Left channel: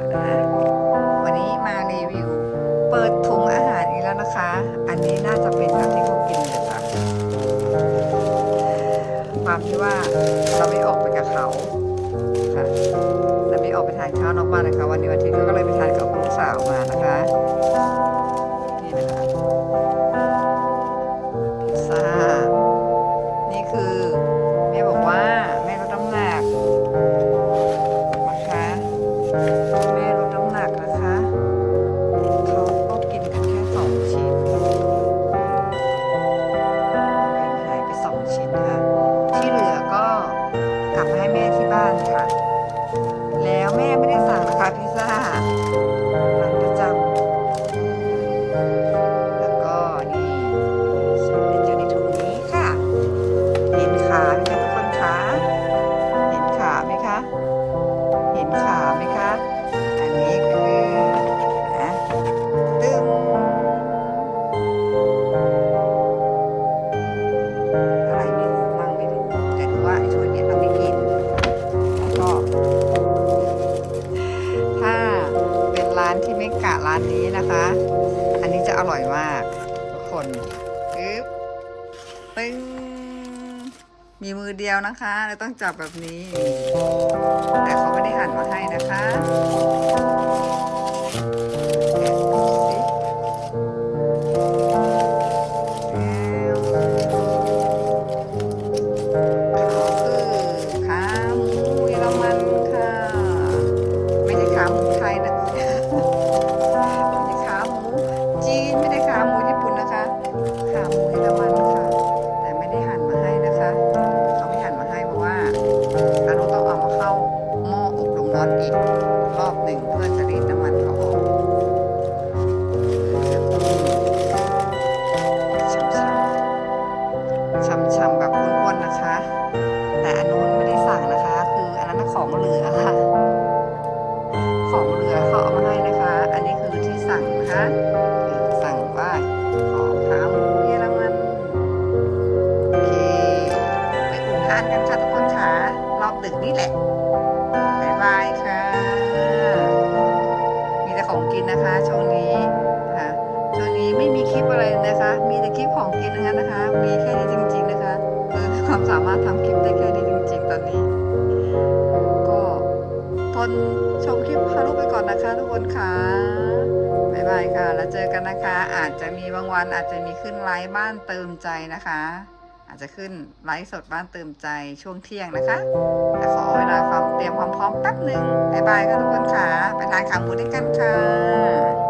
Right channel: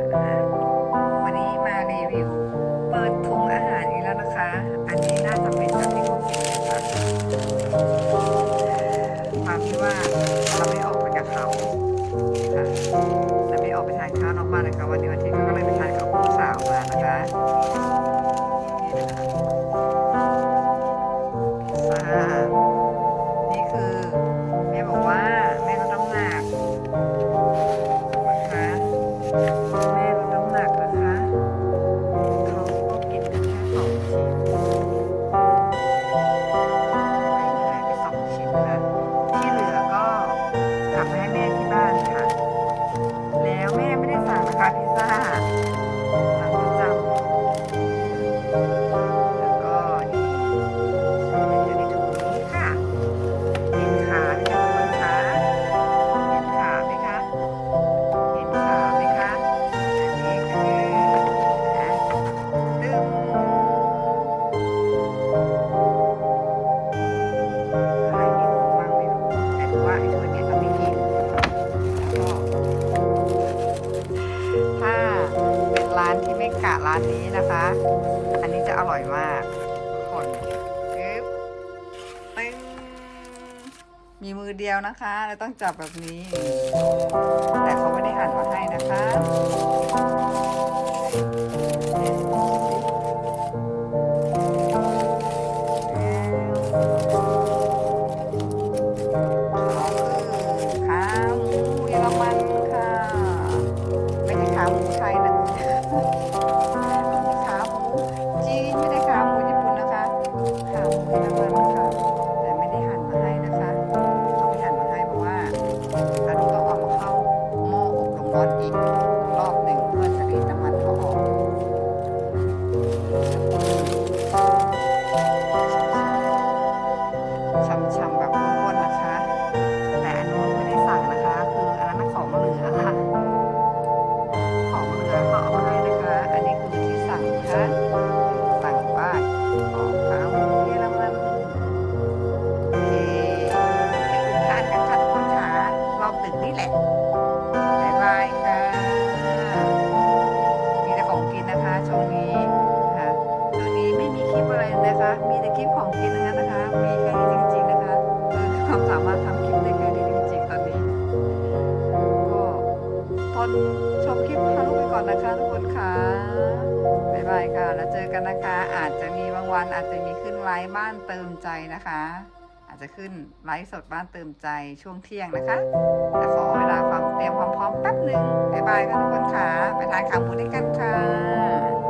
นะวันนี้มารีวิว เปิดถุงอาหารอีกแล้วนะคะ อันนี้น่าจะเป็นอันที่เขากินเลยค่ะความที่ว่าเราไม่ออกไปกับเขาค่ะเราไม่ออกไปทานข้าวนอกบ้านนะคะวันนี้วันอาทิตย์ก็เลยไปทานกับลูกสาวมานะคะนี่นะคะ 2 ชิ้นค่ะ ที่เหลือก็กลับมาให้แม่ที่บ้านค่ะ แล้วแม่ไม่ได้สั่งนะคะพิซซ่า ว่าไอ้ถ้วเนี้ยเราไม่กินแล้วก็ ถ้าเป็นร้านที่ไม่กะร้านนี้นะคะ อันนี้จะอร่อยมากทุกคนปึ๊บปึ้งมีมือเดียวนะคะแล้วต้องจับแบบนี้ แต่เขาไม่ได้หั่นมาให้นะคะ สั่งว่าของขาหมูเยอรมัน โอเค ไปอุ่นทานกันค่ะทุกคนค่ะรอบดึกนี่แหละบ๊ายบายค่ะ มีแต่ของกินนะคะช่วงนี้ค่ะช่วงนี้ไม่มีคลิปอะไรนะคะ มีแต่คลิปของกินทั้งนั้นนะคะ มีแค่นี้จริง ๆนะคะ คือความสามารถทำคลิปได้แค่นี้จริง ๆ ตอนนี้ ก็ทนชมคลิปพาลูกไปก่อนนะคะทุกคนค่ะบ๊า ค่ะ แล้วเจอกันนะคะ อาจจะมีบางวันอาจจะมีขึ้นไลฟ์บ้านเติมใจนะคะ อาจจะขึ้นไลฟ์สดบ้านเติมใจช่วงเที่ยงนะคะ แต่ขอเวลาความเตรียมความพร้อมแป๊บหนึ่งบายบายค่ะทุกคนค่ะ ไปทานขาหมูด้วยกันค่ะ